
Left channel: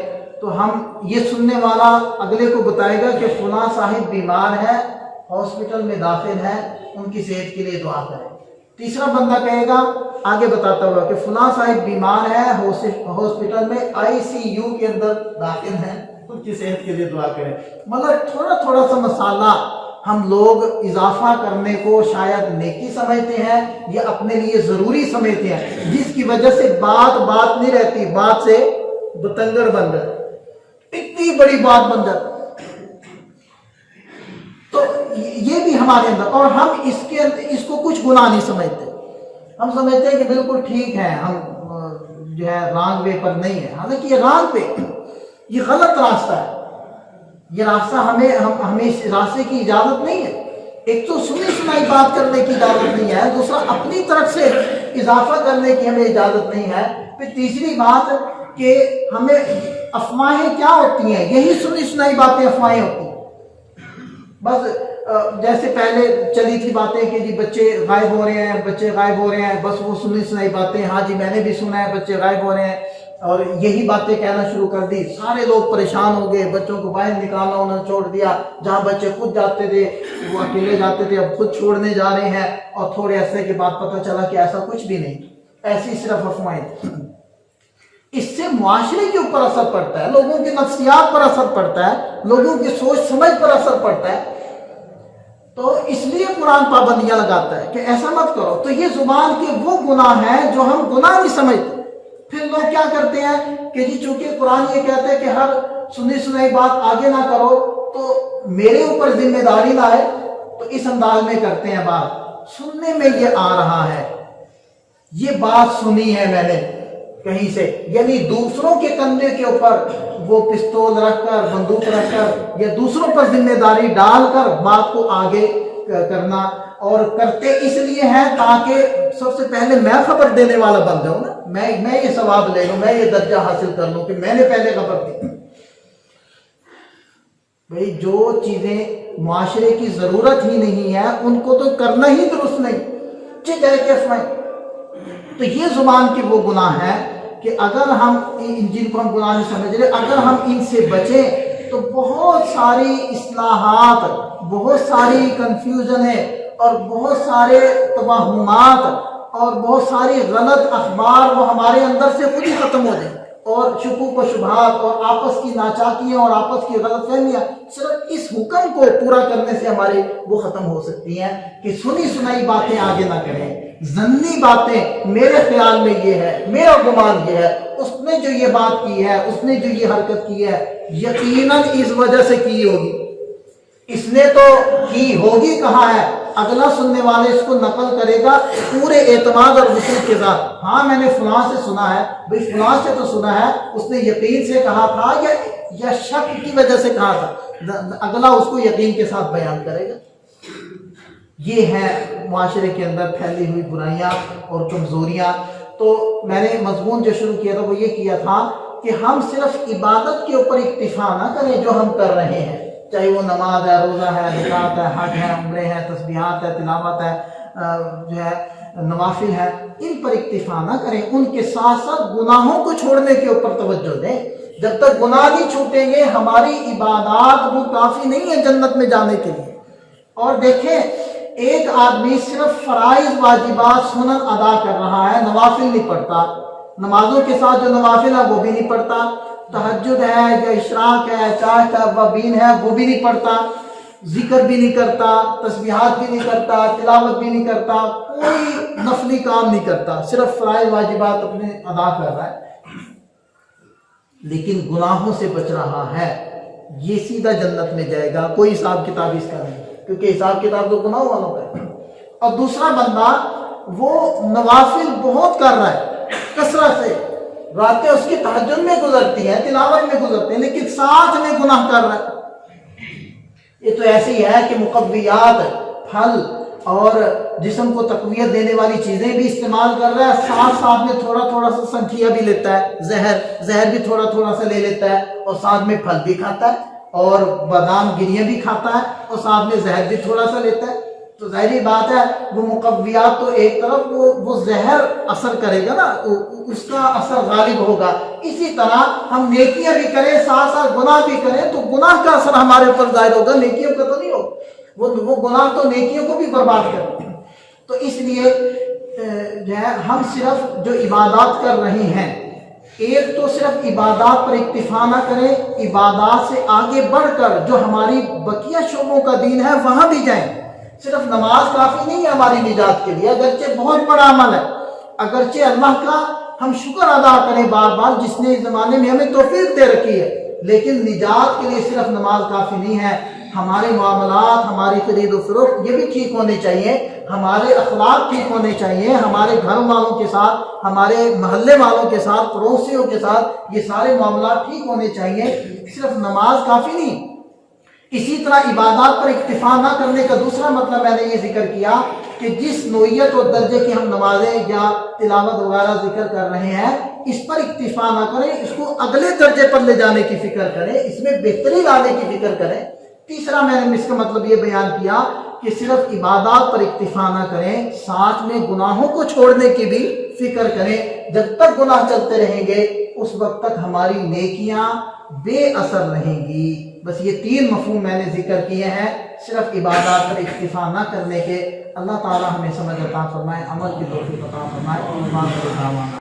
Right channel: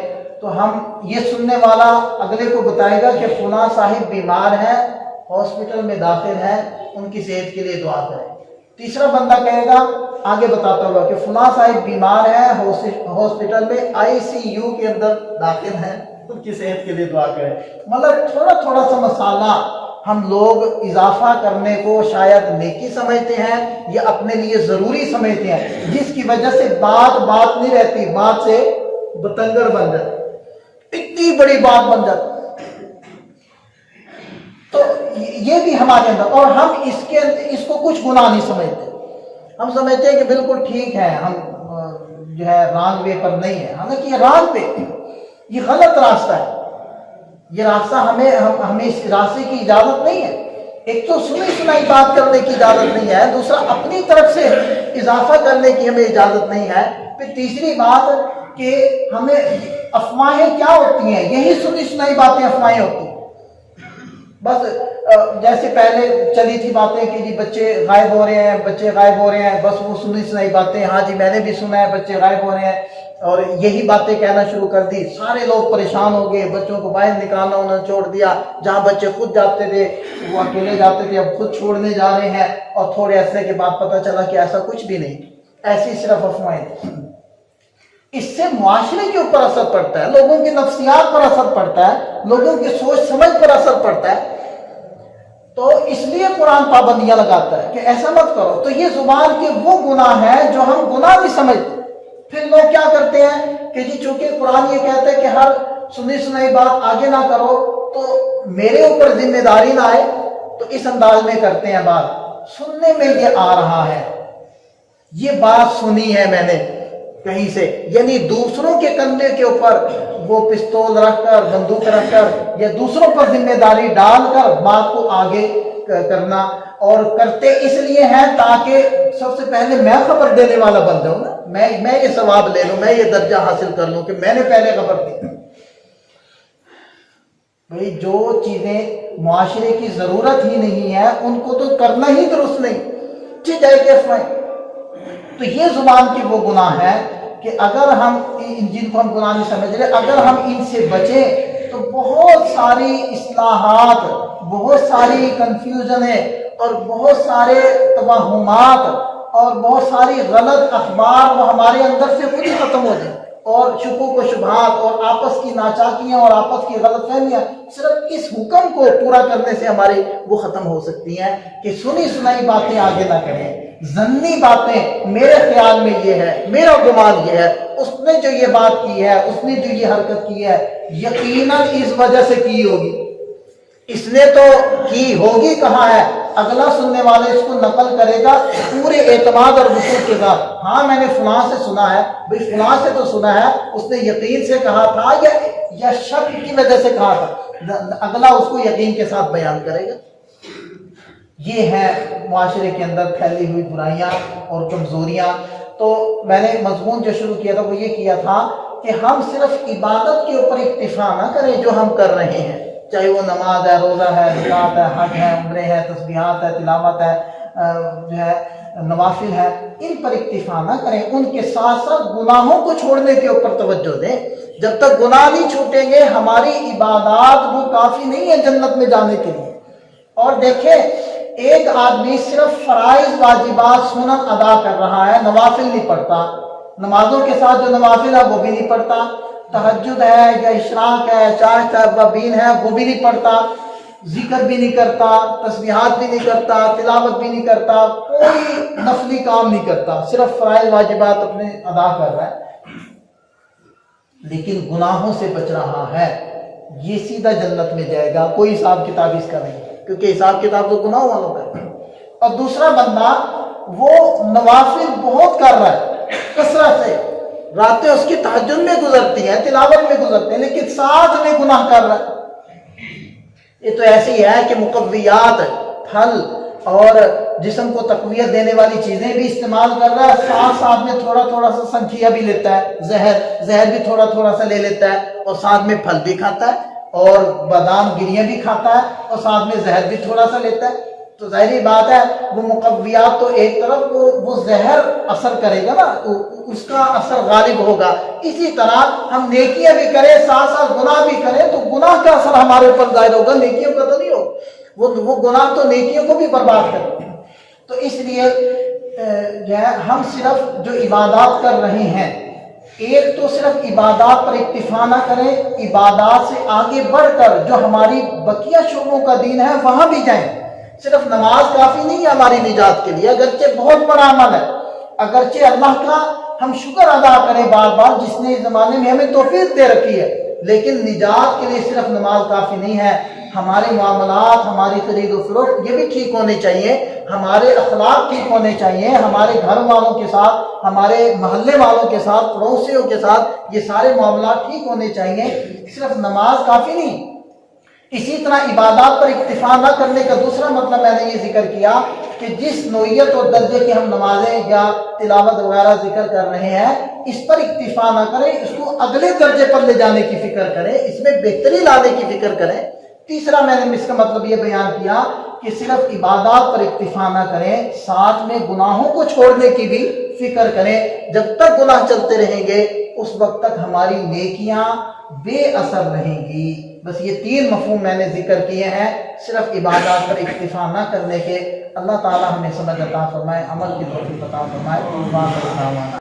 تو ہم یہ سننے والا اگلے کو بتائے گا کہ فلاں صاحب بیمار ہیں، ہاسپٹل میں داخل ہیں، ان کی صحت کے لیے دعا کریں۔ تیسرا بندہ کہے گا آگے بتاتا ہوا کہ فلاں صاحب بیمار ہیں، ہاسپٹل میں ICU کے اندر داخل ہیں، ان کی صحت کے لیے دعا کریں۔ مطلب تھوڑا تھوڑا سا مسالہ ہم لوگ اضافہ کرنے کو شاید نیکی سمجھتے ہیں یا اپنے لیے ضروری سمجھتے ہیں، جس کی وجہ سے بات نہیں رہتی، بات سے بتنگڑ بن جاتی، اتنی بڑی بات بن جاتی۔ تو یہ بھی ہمارے اندر، اور ہم اس کو کچھ گناہ نہیں سمجھتے، ہم سمجھتے ہیں کہ بالکل ٹھیک ہے، ہم جو ہے رانگ وے پر نہیں ہے، حالانکہ یہ رانگ پہ، یہ غلط راستہ ہے، یہ راستہ ہمیں اس راستے کی اجازت نہیں ہے۔ ایک تو سنی سنائی بات کرنے کی اجازت نہیں ہے، دوسرا اپنی طرف سے اضافہ کرنے کی ہمیں اجازت نہیں ہے، پھر تیسری بات کہ ہمیں افواہیں کیا ہوتی ہیں، یہی سنی سنائی باتیں افواہیں ہوتی ہیں۔ بس جیسے پہلے چلی تھی باتیں کہ جی بچے غائب ہو رہے ہیں، بچے غائب ہو رہے ہیں، بس وہ سنی سنائی باتیں، ہاں جی میں نے بھی سنا ہے بچے غائب ہو رہے ہیں، اور یہی باتیں کہنا شروع کر دی، سارے لوگ پریشان ہو گئے، بچوں کو باہر نکالنا انہوں نے چھوڑ دیا، جہاں بچے خود جاتے تھے وہ اکیلے جاتے تھے، اب خود چھوڑنے جا رہے ہیں، اور تھوڑے عرصے کے بعد پتہ چلا کہ ایسا کچھ بھی نہیں، ایسی صرف افواہیں تھیں۔ اس سے معاشرے کے اوپر اثر پڑتا ہے، لوگوں کی نفسیات پر اثر پڑتا ہے، لوگوں کی سوچ سمجھ پر اثر پڑتا ہے۔ تو اس لیے قرآن پابندیاں لگاتا ہے کہ ایسا مت کرو۔ تو یہ زبان کے وہ گناہ ہیں جو ہم گناہ نہیں سمجھتے۔ پھر لوگ کیا کرتے ہیں کہ جی چونکہ قرآن یہ کہتا ہے کہ ہر سنی سنائی بات آگے نہ کرو تو میرے اوپر ذمہ داری نہ آئے، تو اس انداز میں کرتے ہیں بات۔ سننے میں یہ آ رہا ہے، یہ بات سنی ہے میں نے کہیں سے، یعنی دوسروں کے کندھے کے اوپر وہ پستول رکھ کر، بندوق رکھ کر، یا دوسروں پر ذمہ داری ڈال کر بات کو آگے کرنا، اور کرتے اس لیے ہیں تاکہ سب سے پہلے میں خبر دینے والا بن جاؤں، میں یہ ثواب لے لوں، میں یہ درجہ حاصل کر لوں کہ میں نے پہلے خبر دی۔ بھئی جو چیزیں معاشرے کی ضرورت ہی نہیں ہے ان کو تو کرنا ہی درست نہیں، جائے کہ تو یہ زبان کے وہ گناہ ہیں کہ اگر ہم جن کو ہم گناہ نہیں سمجھ رہے، اگر ہم ان سے بچیں تو بہت ساری اصلاحات، بہت ساری کنفیوژنیں اور بہت سارے توہمات اور بہت ساری غلط اخبار وہ ہمارے اندر سے خود ہی ختم ہو جائیں، اور شکوک و شبہات اور آپس کی ناچاکیاں اور آپس کی غلط فہمیاں صرف اس حکم کو پورا کرنے سے ہماری وہ ختم ہو سکتی ہیں کہ سنی سنائی باتیں آگے نہ کریں، ظنی باتیں، میرے خیال میں یہ ہے، میرا گمان یہ ہے، اس نے جو یہ بات کی ہے، اس نے جو یہ حرکت کی ہے، یقیناً اس وجہ سے کی ہوگی، اس نے تو کی ہوگی کہاں ہے، اگلا سننے والے اس کو نقل کرے گا پورے اعتماد اور وثوق کے ساتھ، ہاں میں نے فلاں سے سنا ہے، بھئی فلاں سے تو سنا ہے، اس نے یقین سے کہا تھا یا شک کی وجہ سے کہا تھا، اگلا اس کو یقین کے ساتھ بیان کرے گا۔ یہ ہے معاشرے کے اندر پھیلی ہوئی برائیاں اور کمزوریاں۔ تو میں نے مضمون جو شروع کیا تھا وہ یہ کیا تھا کہ ہم صرف عبادت کے اوپر اکتفا نہ کریں جو ہم کر رہے ہیں، چاہے وہ نماز ہے، روزہ ہے، زکوٰۃ ہے، حج ہے، عمرے ہے، تسبیحات ہے، تلاوت ہے، جو ہے نوافل ہے، ان پر اکتفا نہ کریں، ان کے ساتھ ساتھ گناہوں کو چھوڑنے کے اوپر توجہ دیں۔ جب تک گناہ نہیں چھوٹیں گے ہماری عبادات بھی کافی نہیں ہے جنت میں جانے کے لیے۔ اور دیکھیں، ایک آدمی صرف فرائض واجبات سنن ادا کر رہا ہے، نوافل نہیں پڑھتا، نمازوں کے ساتھ جو نوافل ہے وہ بھی نہیں پڑھتا، تہجد ہے یا اشراق ہے، چاہے توابین ہے وہ بھی نہیں پڑھتا، ذکر بھی نہیں کرتا، تسبیحات بھی نہیں کرتا، تلاوت بھی نہیں کرتا، کوئی نفلی کام نہیں کرتا، صرف فرائض واجبات اپنے ادا کر رہا ہے، لیکن گناہوں سے بچ رہا ہے، یہ سیدھا جنت میں جائے گا، کوئی حساب کتاب اس کا نہیں، کیونکہ حساب کتاب تو گناہوں والوں کا ہے۔ اور دوسرا بندہ وہ نوافل بہت کر رہا ہے، کثرت سے، راتیں اس کی تہجد میں گزرتی ہیں، تلاوت میں گزرتی ہیں، لیکن ساتھ میں گناہ کر رہا ہے۔ یہ تو ایسے ہی ہے کہ مقویات، پھل اور جسم کو تقویت دینے والی چیزیں بھی استعمال کر رہا ہے، ساتھ ساتھ میں تھوڑا تھوڑا سا سنکھیا بھی لیتا ہے، زہر بھی تھوڑا تھوڑا سا لے لیتا ہے، اور ساتھ میں پھل بھی کھاتا ہے، اور بادام گریاں بھی کھاتا ہے، اور ساتھ میں زہر بھی تھوڑا سا لیتا ہے۔ تو ظاہری بات ہے وہ مقویات تو ایک طرف وہ زہر اثر کرے گا نا، اس کا اثر غالب ہوگا۔ اسی طرح ہم نیکیاں بھی کریں ساتھ ساتھ گناہ بھی کریں تو گناہ کا اثر ہمارے اوپر ظاہر ہوگا، نیکیوں کا تو نہیں ہوگا، وہ گناہ تو نیکیوں کو بھی برباد کرتے ہیں۔ تو اس لیے جو ہے ہم صرف جو عبادات کر رہے ہیں، ایک تو صرف عبادات پر اکتفا نہ کریں، عبادات سے آگے بڑھ کر جو ہماری بقیہ شعبوں کا دین ہے وہاں بھی جائیں۔ صرف نماز کافی نہیں ہے ہماری نجات کے لیے، اگرچہ بہت بڑا عمل ہے، اگرچہ اللہ کا ہم شکر ادا کریں بار بار جس نے اس زمانے میں ہمیں توفیق دے رکھی ہے، لیکن نجات کے لیے صرف نماز کافی نہیں ہے، ہمارے معاملات، ہماری خرید و فروخت یہ بھی ٹھیک ہونے چاہیے، ہمارے اخلاق ٹھیک ہونے چاہیے، ہمارے گھر والوں کے ساتھ، ہمارے محلے والوں کے ساتھ، پڑوسیوں کے ساتھ یہ سارے معاملات ٹھیک ہونے چاہیے، صرف نماز کافی نہیں۔ اسی طرح عبادات پر اکتفا نہ کرنے کا دوسرا مطلب میں نے یہ ذکر کیا کہ جس نوعیت اور درجے کی ہم نمازیں یا تلاوت وغیرہ ذکر کر رہے ہیں اس پر اکتفا نہ کریں، اس کو اگلے درجے پر لے جانے کی فکر کریں، اس میں بہتری لانے کی فکر کریں۔ تیسرا میں نے اس کا مطلب یہ بیان کیا کہ صرف عبادات پر اکتفا نہ کریں، ساتھ میں گناہوں کو چھوڑنے کی بھی فکر کریں۔ جب تک گناہ چلتے رہیں گے اس وقت تک ہماری نیکیاں بے اثر رہیں گی۔ بس یہ تین مفہوم میں نے ذکر کیے ہیں صرف عبادات پر اکتفا نہ کرنے کے۔ اللہ تعالی ہمیں سمجھ عطا فرمائے، عمل کی توفیق عطا فرمائے۔